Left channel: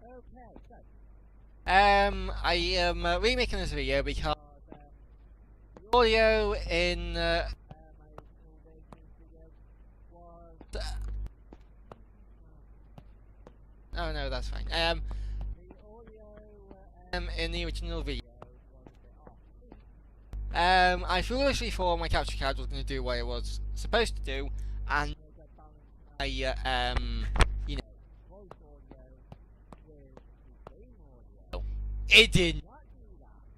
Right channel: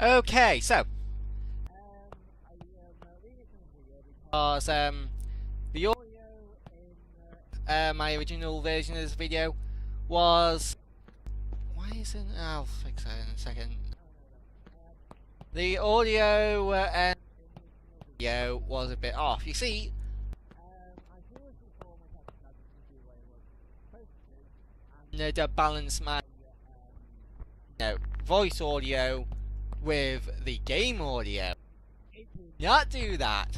Okay, so I am remaking this video because the audio in my original version of this video was why isn't I'll fix that in a second. Oh no, that's fine. The audio in the original video was a bit off. You see, I foolishly thought my capture card was going to do what it was supposed to do and balance my voice audio with the game audio. It did not do that.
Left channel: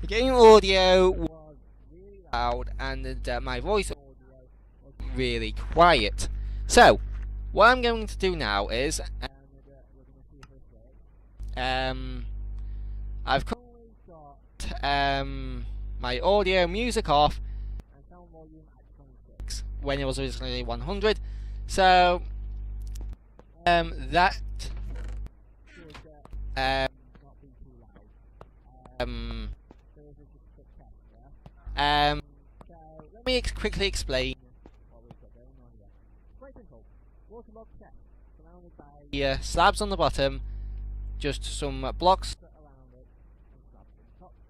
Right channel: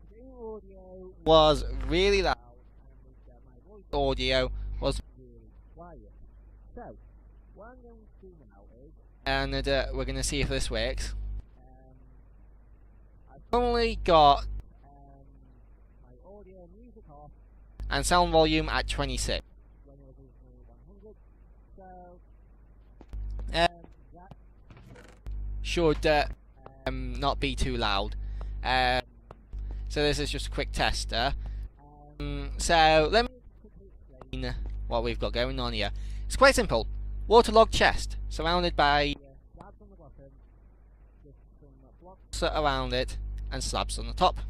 The game audio was really loud and my voice audio was really quiet. So, what I'm going to do now is, and we're going to see if this works, I've currently got my audio music off and sound volume at 26 when it was originally 100. So, that should not be too loud. So this is just a quick tester. So let me quickly explain what we've got going on here. It's quite simple. Waterlogged chest, surrounded by slabs on the bottom, just some blocks around it, and slabs on the top.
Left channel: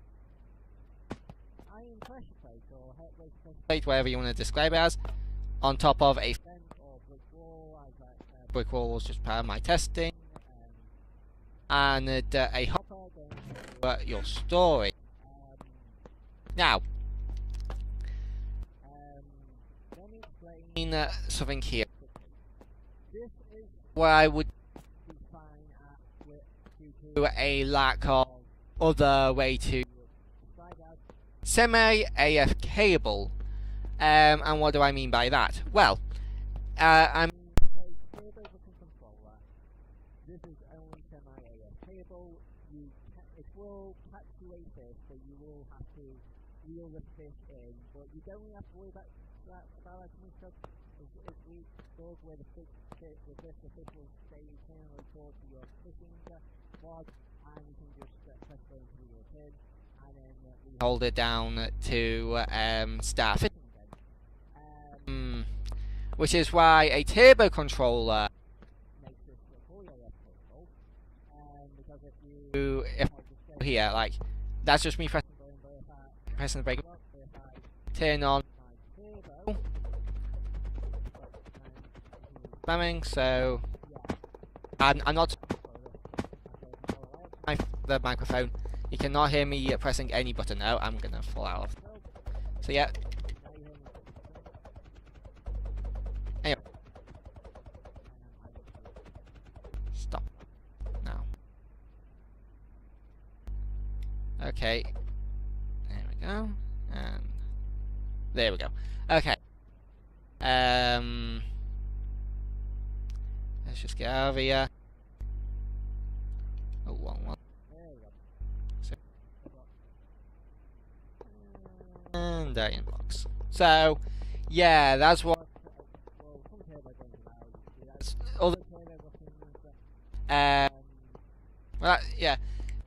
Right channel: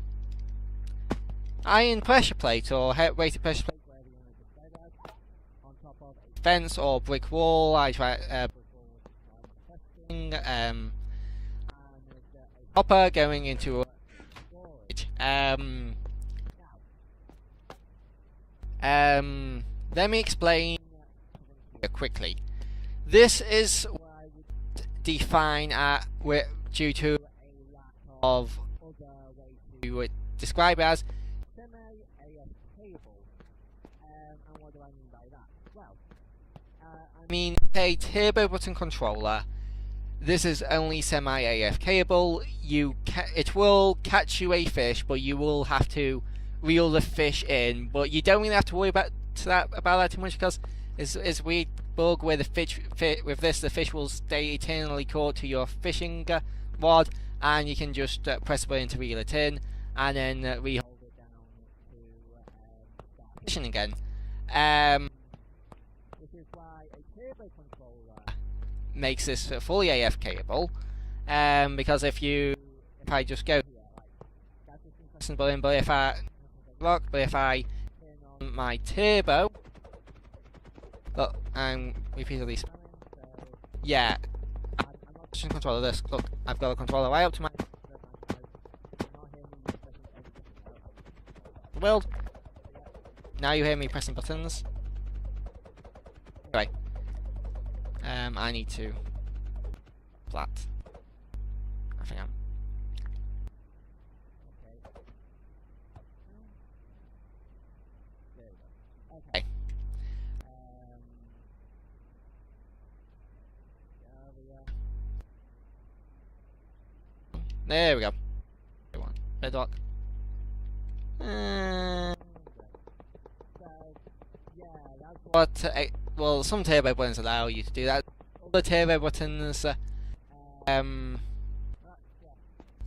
Iron pressure plate, or weighted pressure plate, whatever you want to describe it as, on top of a fence or brick wall. Brick wall was just part of my testing. And a hopper going into your storage. Now, let me explain something here quickly. This is what I would define due to a lack of other way to describe it as semi-AFKable. And what do I mean by that? Well, I mean a turbo button controller. This is only semi-AFKable. It will catch you a fish, but you will have to reel the fish in. But you don't really have to worry about that too much, because it's a weird bug where the fish will stay eternally caught to your fishing rod, and you can just press a button to reel it in, and then re-hold it down to start fishing again. Which is why a turbo controller makes this fully AFKable, because if I just go here, like, that's just me pressing the button, but if I pressing the brake lock, but if I turn on my turbo, look, I'm repeatedly spamming, so yeah, I'm not touching the controller. This, look, I've got the controller right up to the microphone. You cannot hear me pressing any button now. I'm gonna fall out of the world. So yeah, now you hear me pressing buttons. Anyway, I need to stop that now. I think I'm... Okay. There we go. And there we go. Okay. Let's just get out of here. Oh, wrong one. There we go. So one. Bedrock. And inbox. So, yeah, that's what... well, some turbo buttons allow you to do that. Other turbo buttons, well, yeah,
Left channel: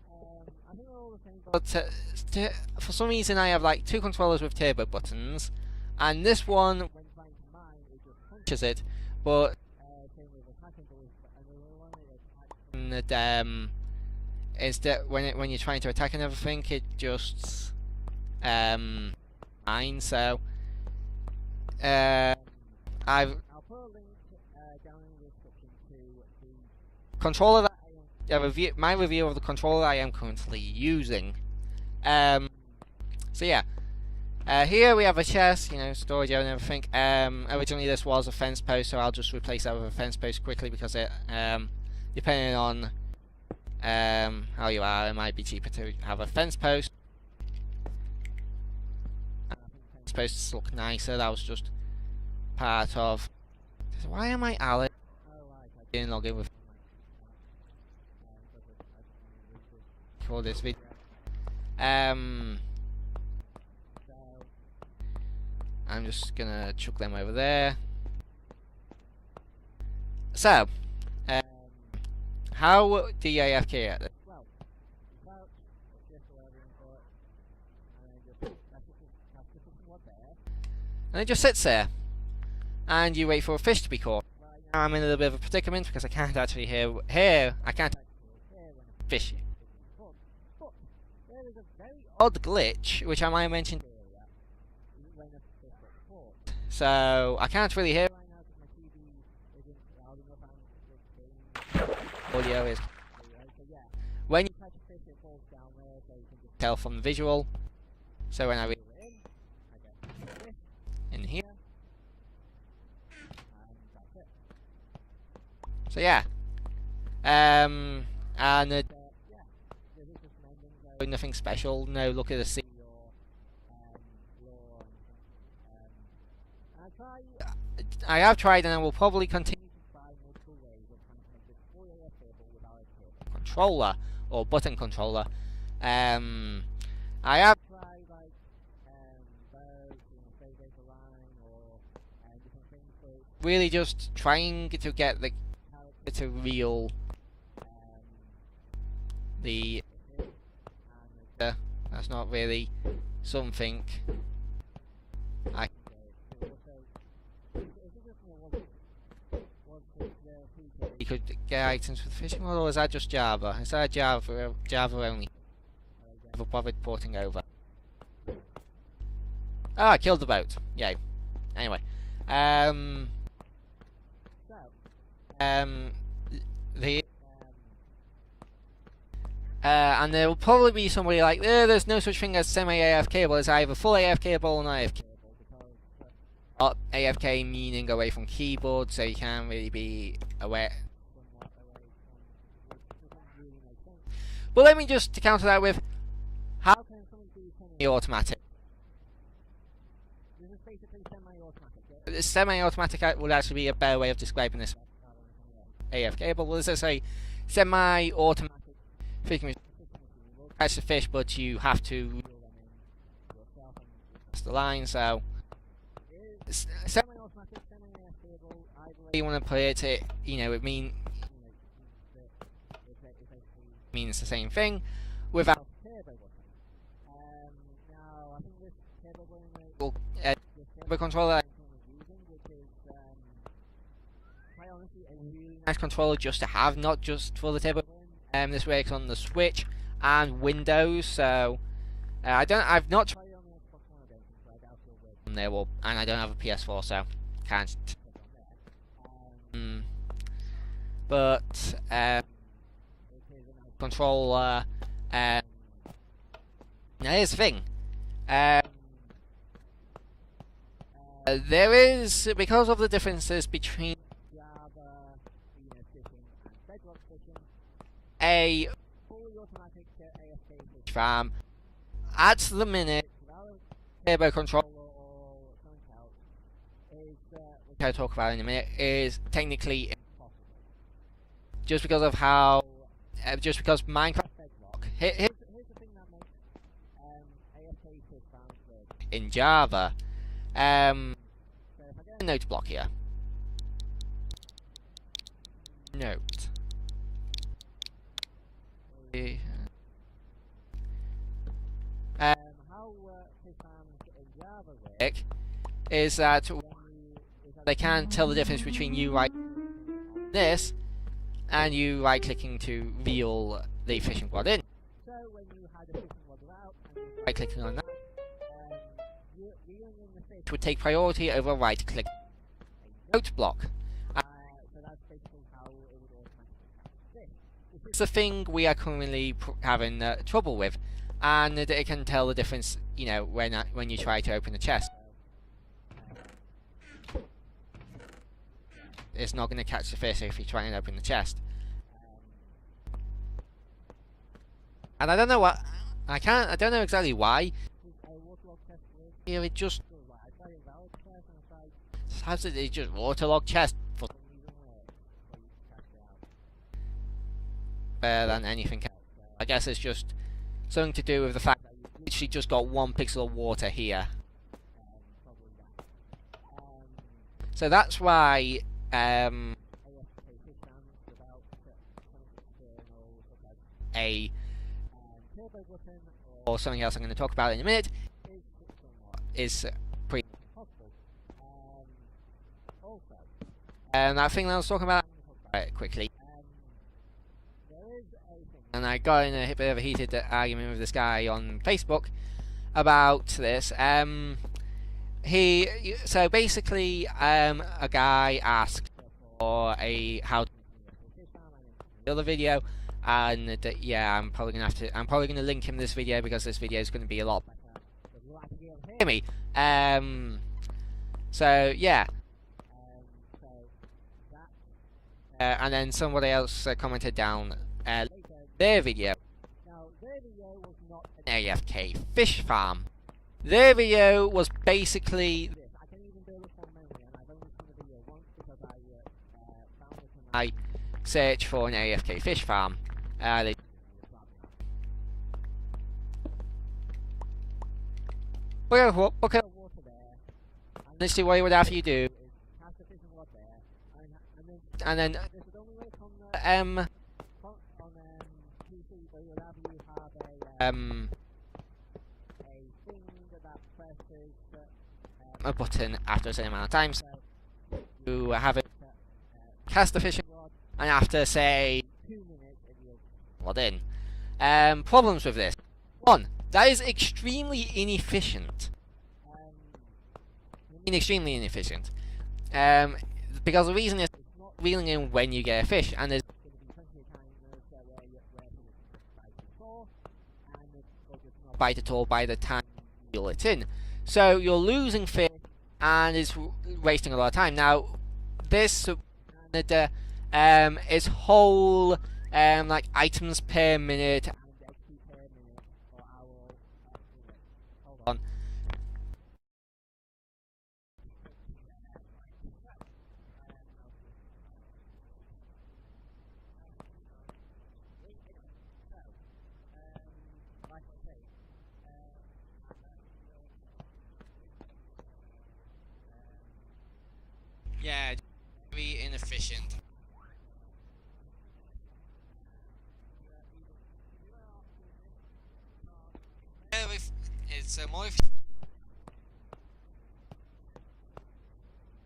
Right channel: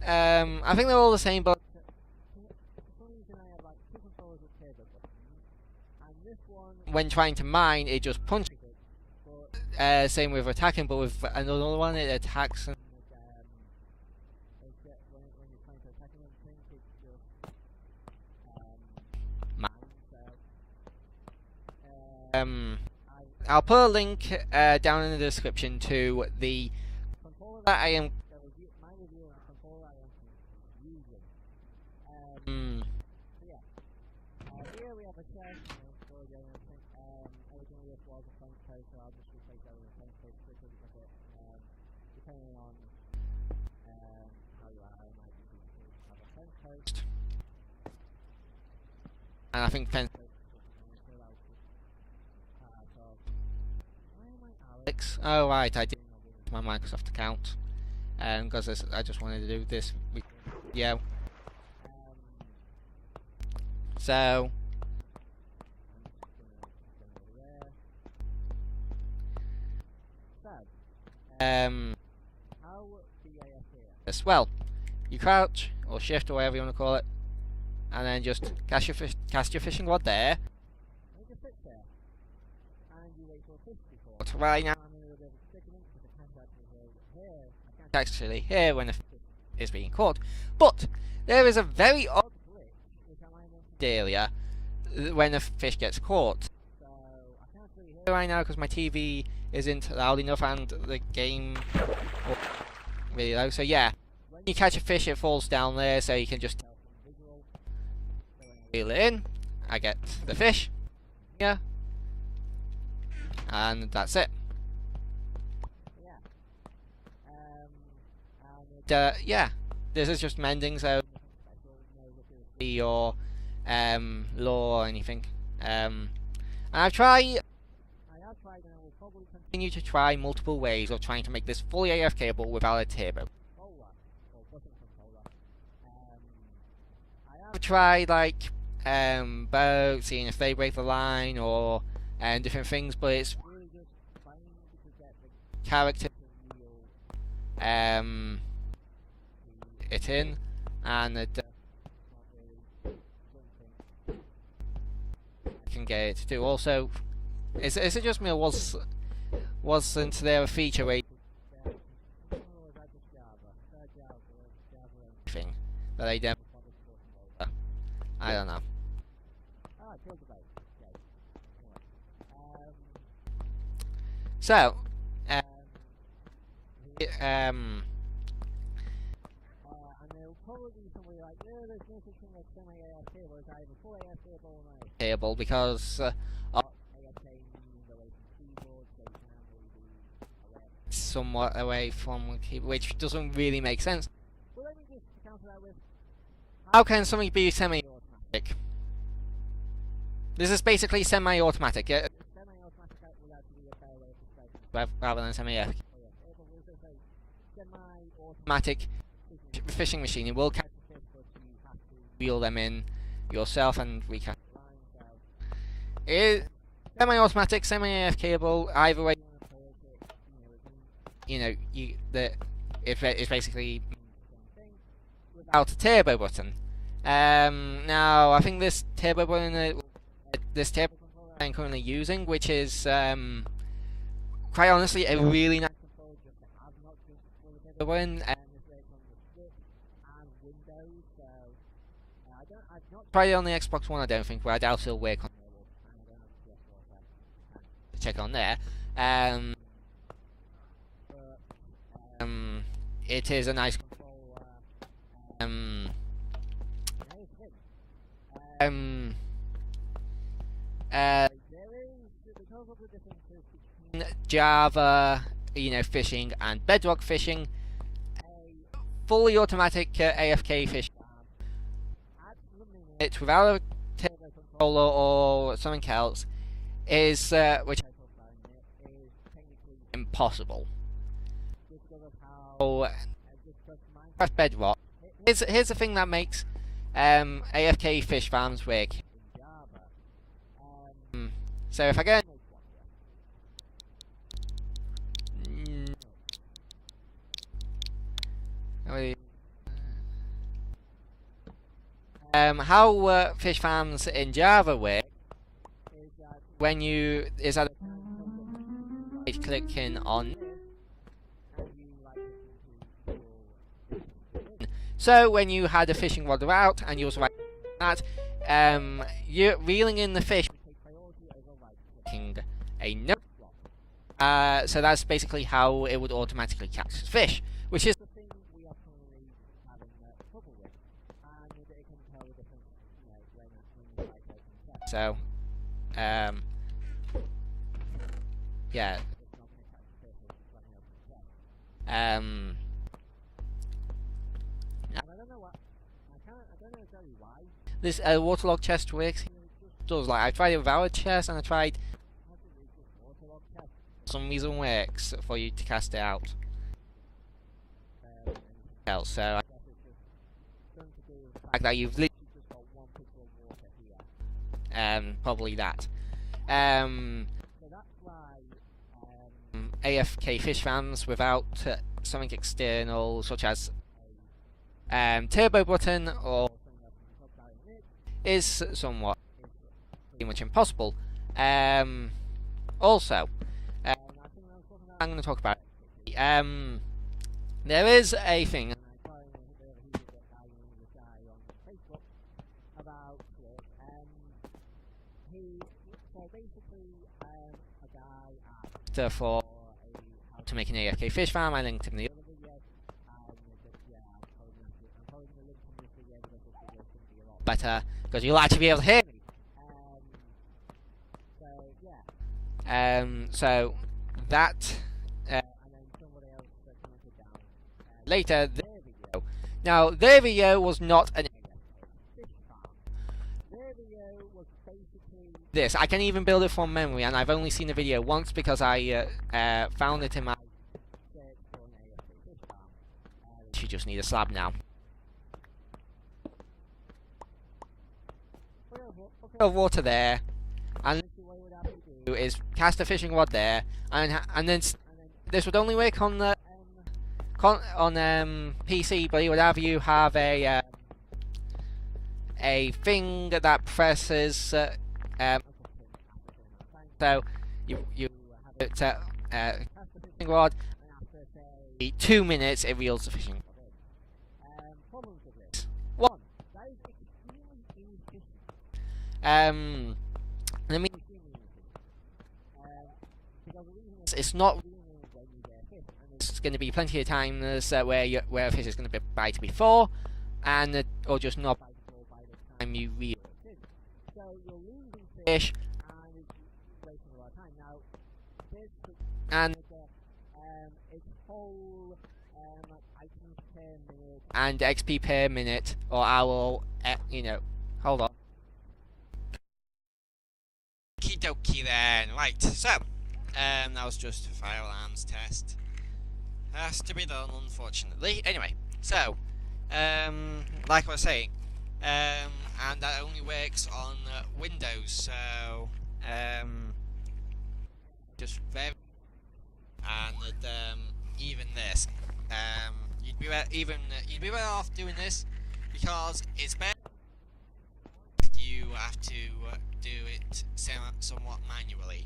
I think they're all the same, but for some reason I have like two controllers with turbo buttons, and this one, when trying to mine, it just punches it. But same with attacking, but with another one, it attacks and it, instead when you're trying to attack and everything, it just mines. So I'll put a link down in the description to the controller that I am my review of the controller I am currently using. So yeah, here we have a chest, storage area and everything. Originally this was a fence post, so I'll just replace that with a fence post quickly, because it, depending on how you are, it might be cheaper to have a fence post. And I think fence posts look nicer. That was just part of... Why am I Alex? Oh right, I didn't log in with my Microsoft account, because I just wanted to do this, record this video. So I'm just gonna chuck them over there. So how do you AFK at this? Well, you crouch or shift or whatever you want to call it, and then just cast your fishing rod there, and it just sits there. and you wait for a fish to be caught. Right now I'm in a little bit of a predicament because I can't actually hear when a fish is being caught. But there is a very odd glitch, which I might have mentioned earlier, when a fish gets caught. So I can't really hear right now because my TV isn't loud enough and the game audio is really low. So yeah, when you catch a fish it falls down there, so you can just tell from the visual. So when I reel it in, I get the fish in here, and that's it. So yeah, yeah, this is just mending, so nothing special, no look at the sea or lore or anything. I have tried and I will probably continue to try multiple ways of trying to make this fully AFKable without a turbo controller or button controller. I have tried like boats, seeing if they break the line or different things, but it's really just trying to get the character to reel it in, and that's not really something I can get it to do. Also, is it just me, or wasn't there a feature where you could get items with fishing rod, or is that just Java? Is that a Java only thing that they never bothered porting over? I don't know. Oh, I killed the boat. Yay. Anyway, and there will probably be somebody like, there's no such thing as semi-AFKable, it's either full AFKable or not AFKable, because AFK meaning away from keyboard, so you can't really be somewhat away from keyboard, which doesn't really make sense. But let me just counter that with, how can something be semi-automatic? This is basically semi-automatic. Semi-automatic would actually be a better way of describing this rather than semi-AFKable. Well, this is a semi-automatic fishing machine. It will catch the fish, but you have to reel them in yourself and recast the line. So it's semi-automatic, semi-AFKable. Either way you want to play it, it basically means the same thing without a turbo button. Now I think this turbo button this turbo controller I'm currently using, which is quite honestly a really nice controller just to have, not just for the turbo button. This works on the Switch and Windows, so I've not tried it on the Xbox One, I don't think, but I doubt it'll work on there, and I don't have a PS4, so can't check on there. But it is a nice controller. Now here's the thing. There is, because of the differences between Java, fishing and Bedrock fishing, a fully automatic AFK fish farm at the minute without a turbo controller or something else is, which I'll talk about in a minute, is technically impossible. Just because of how, just because Minecraft Bedrock. Here's the thing that makes AFK fish farms work in Java. So if I get a note block here, note. How fish farms in Java work is that they can't tell the difference between you right-clicking on this and you right-clicking to reel the fishing rod in. So when you had a fishing rod out and you was right-clicking on that, reeling in the fish would take priority over right-clicking a note block. So that's basically how it would automatically catch the fish, which is the thing we are currently having trouble with, and it can tell the difference, when you try to open the chest. So, yeah, it's not going to catch the fish if you try and open the chest. And I don't know I don't know exactly why this waterlogged chest works here. It just does. Like, I tried it without a chest, and I tried. It just waterlogged chest for some reason works for you to cast it out better than anything else. So I guess it's just something to do with the fact that you've literally just got 1 pixel of water here. Probably that. So that's why AFK fish farms without something external, such as a turbo button or something else I'm going to talk about in a minute, is pretty much impossible. Also, that thing that I was talking about, I'm going to talk about it quickly. There is a thing, and I got in a bit of a heated argument with this guy on Facebook about this. So basically, a guy asked for how to make an AFK fish farm. I linked him in the other video, and yeah, I'm probably gonna link him this video because this video is gonna be a lot better because you'll actually be able to hear me. So yeah, so that, and then somebody else commented down later their video. Now their video was not an AFK fish farm. Their video was basically this. I can even build it from memory, and I've only seen the video once because I found it in my search for an AFK fish farm. I literally just need a slab now. Bucket of water there, and literally what you would have you do is cast a fishing rod there, and then this would only work on the PC, but it would have you have a thing that presses a button after a certain amount of time. So you have it cast the fishing rod, and after say 2 minutes it reels the fishing rod in. Problems with this: one, that is extremely inefficient. I mean extremely inefficient. Because the reason is it's not reeling in when you get a fish, and there's going to be plenty of times where a fish is going to bite before, or just not bite at all by the time you reel it in. So you're losing fish, and it's wasting a lot of time. Now, this and its whole like items per minute and XP per minute or hour. Hold on. Okie dokie then. Right. So that was just a fire alarms test. Has to be done, unfortunately. Anyway, so. Like I was saying, and that only works on Windows, so yeah, just very inefficient. And even this, you'd be better off doing this because it's more if you have to do it somewhat manually,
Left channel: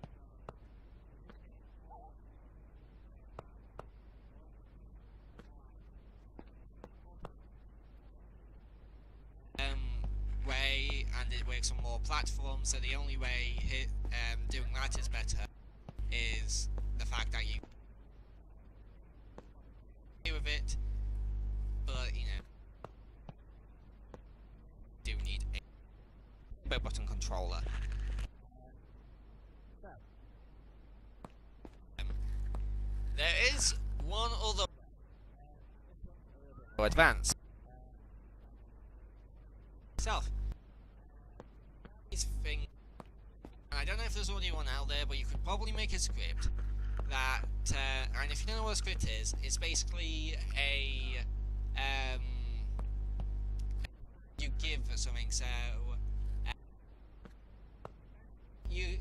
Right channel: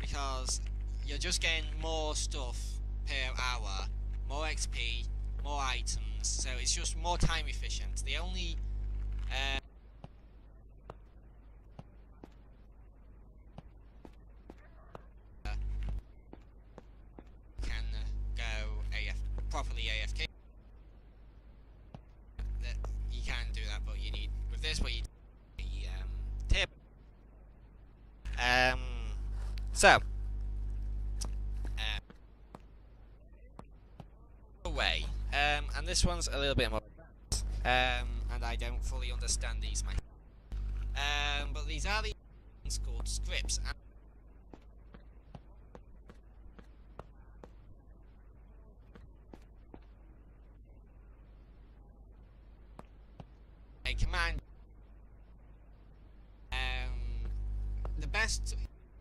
because you're just getting more stuff per hour. More XP, more items, so it's just more time efficient. The only way, and it works on more platforms, so the only way doing that is better is the fact that you can go properly AFK with it. But you can do that, but you need, with this, what you do need a turbo button controller. There is one other way, and this one's a little bit more advanced, and I don't fully understand these myself, but these things called scripts, and I don't know if there's already one out there, but you could probably make a script that, and if you don't know what a script is, it's basically a command you give for something. So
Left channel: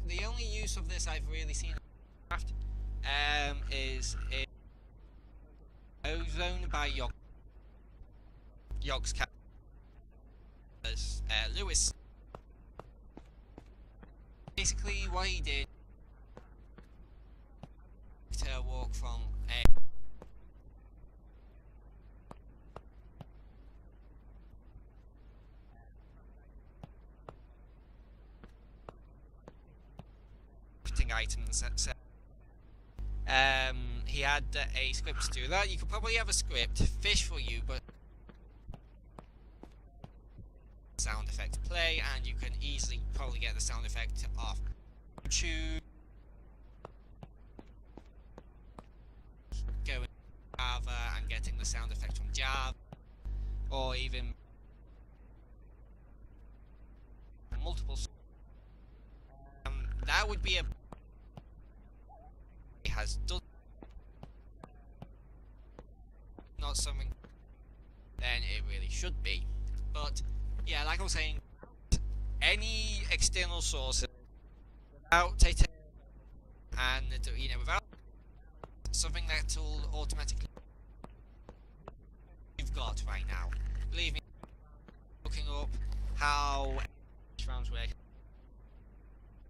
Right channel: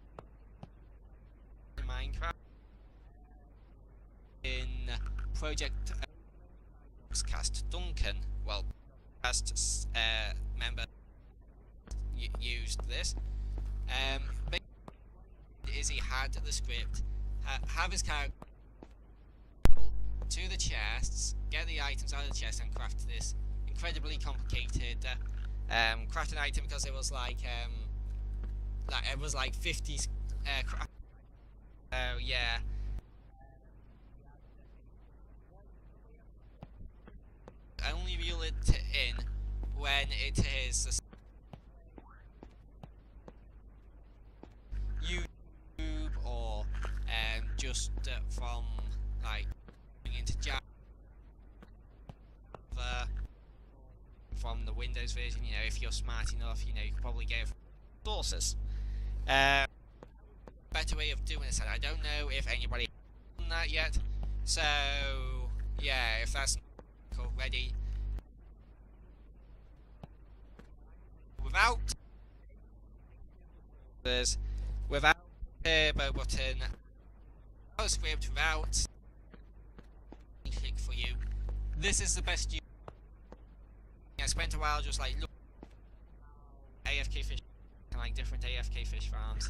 the only use of this I've really seen in Minecraft is in Project Ozone by Yogscast Duncan. Well, Yogscast members Lewis used this. Basically, what he did is he had the script have his character walk from A to the chests, get the items out of the chest, and craft this incredibly complicated crafting item, because it was like 50 crafting items. So yeah. He had a script to do that. You could probably have a script fish for you, but only reel it in when it is the sound effect play, and you can easily probably get the sound effect off YouTube, or just from like going into Java and getting the sound effect from Java, or even from the Windows version. If you're smart enough, you could probably get it from multiple sources. That would be a better way of doing this, and I don't know if anybody has done that yet. So yeah, if that's not something already, then it really should be. But yeah, like I was saying, without any external sources, without a turbo button, and without a script, without something that will automatically click for you, this is the best you've got right now. Believe me, I spent a while just like looking up how AFK fish farms work and like different AFK fish farms,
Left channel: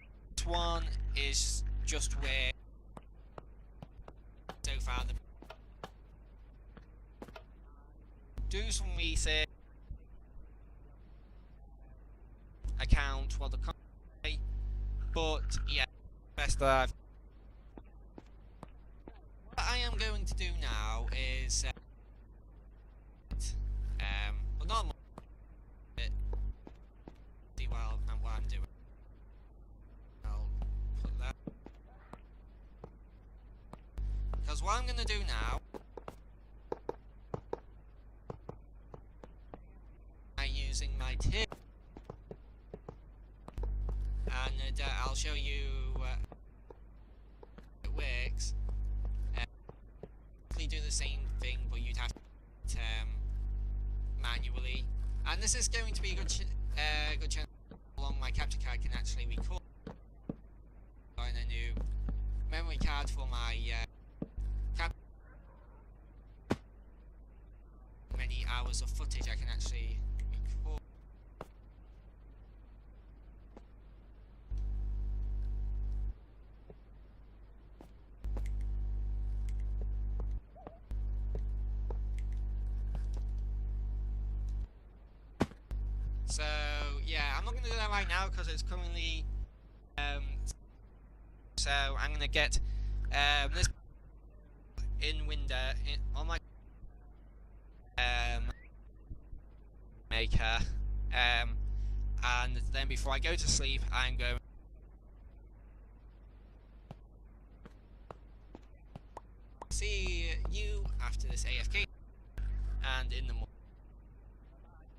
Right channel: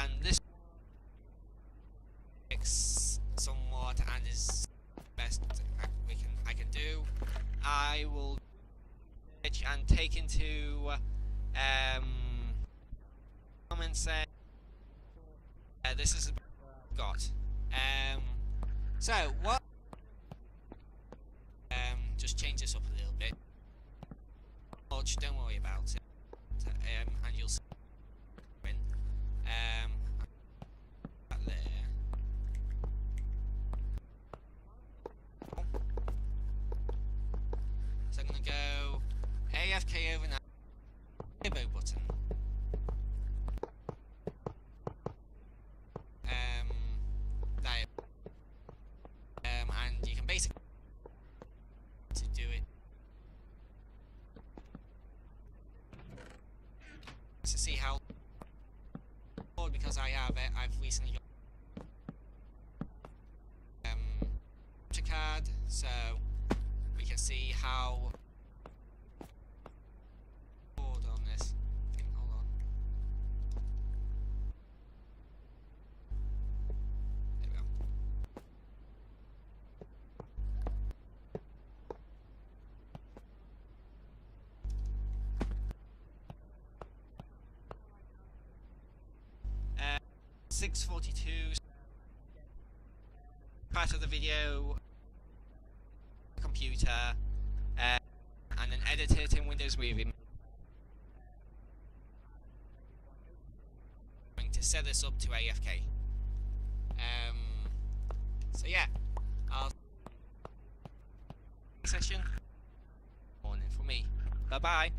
and this one is just works somewhat and is so far the best I can do. I will do some research and take into account what the comments say, but yeah, this is the best that I've got. So what I am going to do now is just change this up a little bit, but not much, don't worry about it, and you'll see what I'm doing. I'll put that there, because what I'm going to do now is I'm going to go AFK overnight using my turbo button, and I'll show you that it works, and you can basically do the same thing, but you'd have to do it manually. And this is going to be a good chance to see how long my capture card can actually record, because I've recently gotten a new memory card for my capture card, so we can see how many hours of footage I can actually record on this. Hold on. There we go. So yeah, I'm not going to do that right now because it's currently 6:42. So I'm going to get this part of the video on my computer, and then edit it in Windows Movie Maker, and then before I go to sleep, I'm going to set this up to AFK. So yeah, I'll see you after this AFK session and in the morning for me. Bye bye.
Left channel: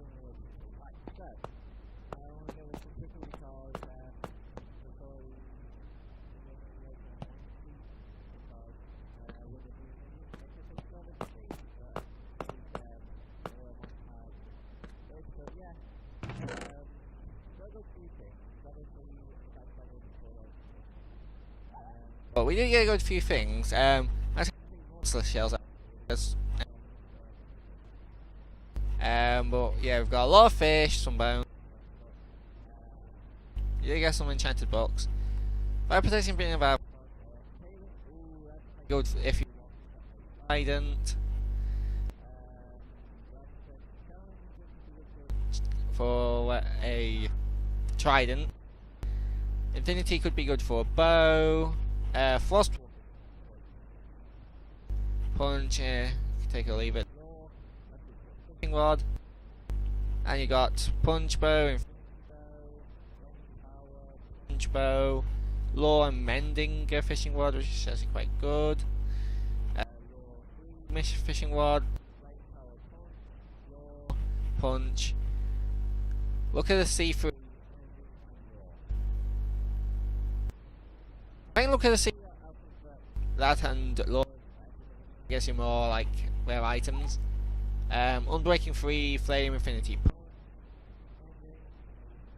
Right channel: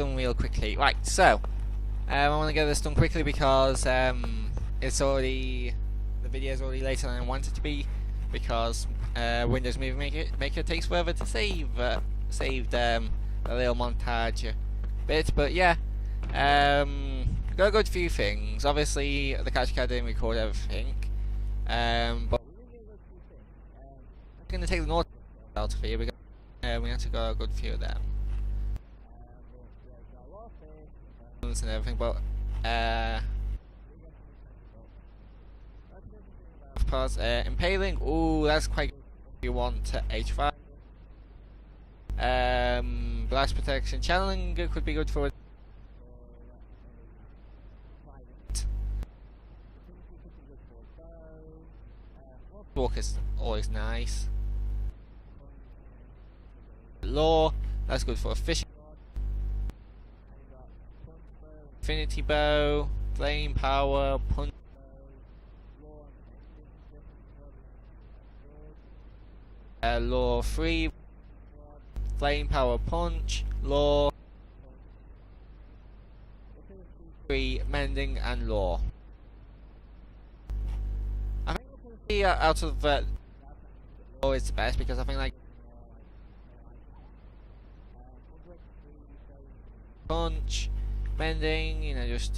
done real quickly. Right, so I want to get this done quickly because it's already, the video is already later than I want it to be, because Windows Movie Maker takes forever to save a little montage bit. But yeah, got a good few things. Obviously, the capture card didn't record everything, but we did get a good few things. I'm actually going to take the Nautilus shells out of here because we actually got a good few of them. But yeah, we've got a lot of fish, some bones and everything, but you get some enchanted books. Fire protection, being of arthropods, impaling, ooh, that's quite good if you want a trident. Blast protection, channeling could be good for a trident. Infinity could be good for a bow. Frostwalk is always nice. Punch, take it or leave it. Law, that's good for a fishing rod. And you got punch bow, infinity bow, flame power, punch bow, law and mending fishing rod, which is actually quite good. Law 3 fishing rod, flame power punch, law, punch. Look at the C3, mending and law. I think look at the C out of that and law is the best because I think that gets you more like rare items. Unbreaking 3, flame, infinity punch, mending, you know, just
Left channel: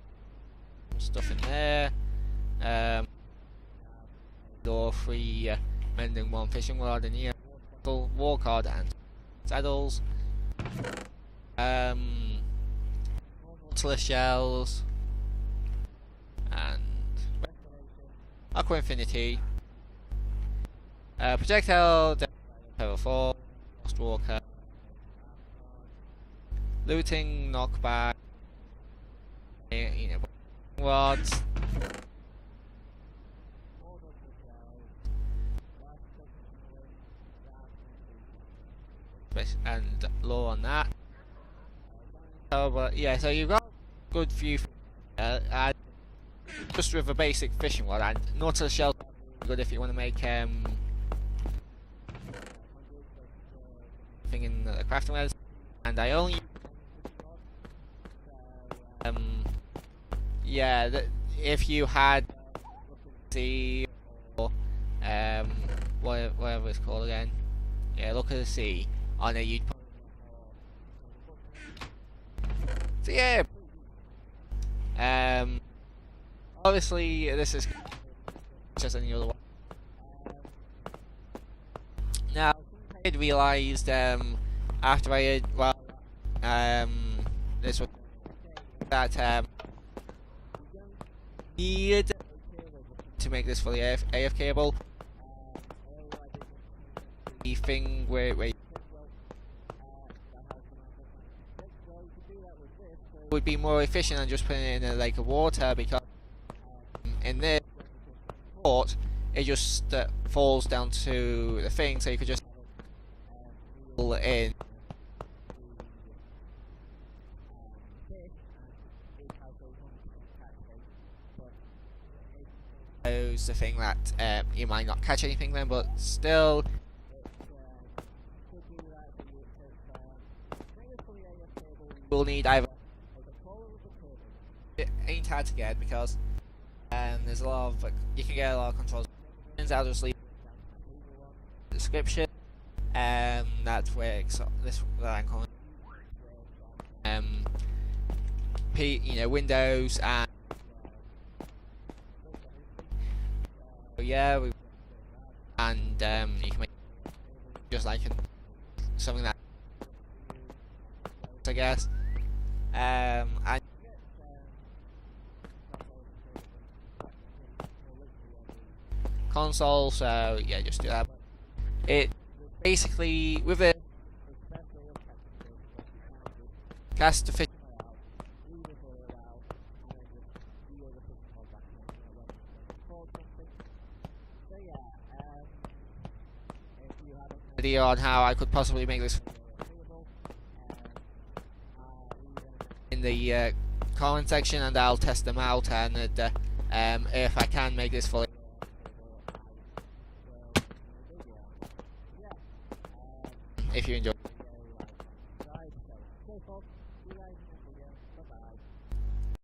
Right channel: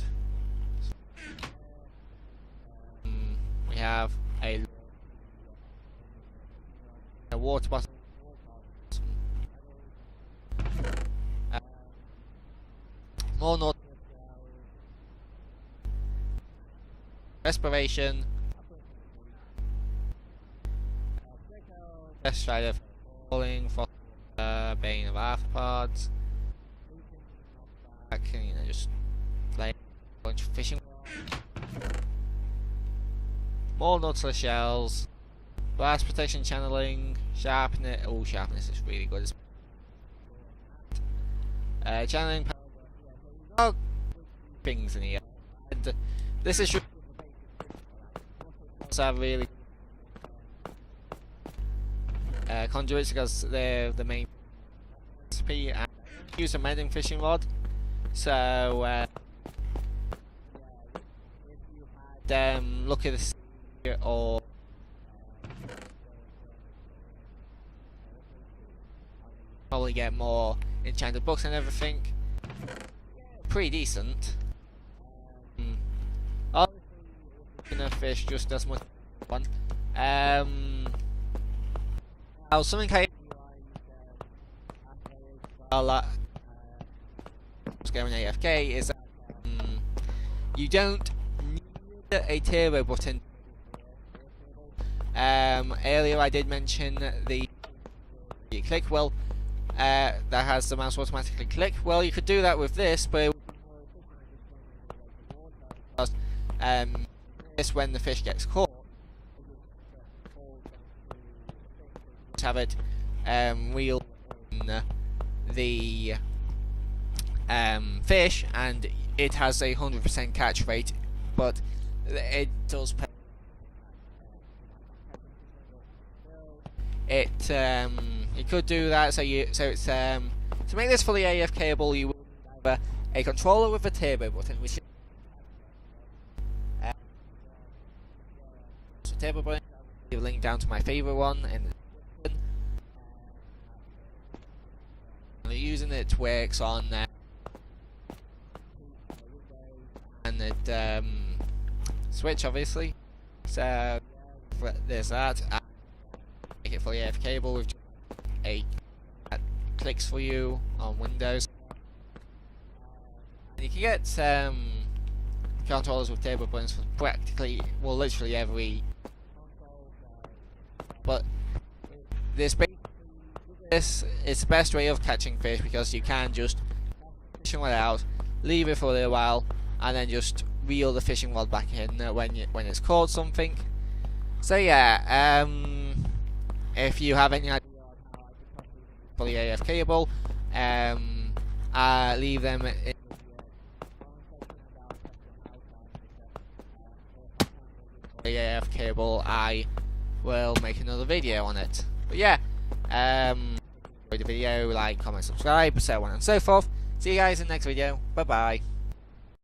some stuff in there. We have a law 3 mending 1 fishing rod and here, water bottle, war card and some saddles. More Nautilus shells and respiration, aqua infinity, projectile, death strider, feather falling, frostwalker, bane of arthropods, looting, knockback, and, you know, just playing, you know, a bunch of fishing rods. More Nautilus shells, blast protection, channeling, sharpness. Oh, sharpness is really good, especially, and low on that. Channeling power, but yeah, so you've got a good few things in here, and this is just with a basic fishing rod. And Nautilus shells are really good if you want to make conduits because they're the main thing in the crafting recipe. And I only use a mending fishing rod, so yeah. If you had Look at the Sea or whatever it's called again, yeah, Look at the Sea on it, you'd probably get more enchanted books and everything. So yeah, pretty decent. Obviously this is gonna fish just as much as any other one. Now something I had realised after I had, while this was going AFK, is that you don't need a turbo button to make this fully AFKable. Earlier I did mention the thing where you click, well, that has the mouse automatically click. Well, you could do that with this, but it would be more efficient than just putting it in a lake of water, because in this, when the fish gets caught, it just falls down to the thing, so you could just have it reel in the fish, and it has a 100% catch rate, but it does pose the thing that you might not catch anything then, but still it you could do that. So it's to make this fully AFKable, you will need either a controller with a turbo button, which ain't hard to get because there's a lot of, you can get a lot of controllers with turbo buttons. I'll just leave a link down to my favourite one in the description. That works. This that I'm currently using, it works on Windows and Switch, obviously. So yeah, there's that, and you can make it fully AFKable with just like something that clicks for you on Windows, I guess. And you can get controllers with turbo buttons for practically, well, literally every console. So yeah, just do that. But this basically, with this, it's the best way of catching fish because you can just cast the fishing rod out, leave it for a little while, and then just reel the fishing rod back in when it's caught something. So yeah, if you have any idea on how I could possibly make this fully AFKable, leave them in the comment section and I'll test them out, and if I can make this fully AFKable, I will make another video on it. But yeah, if you enjoyed the video, like, comment, subscribe, so on and so forth. See you guys in the next video. Bye bye.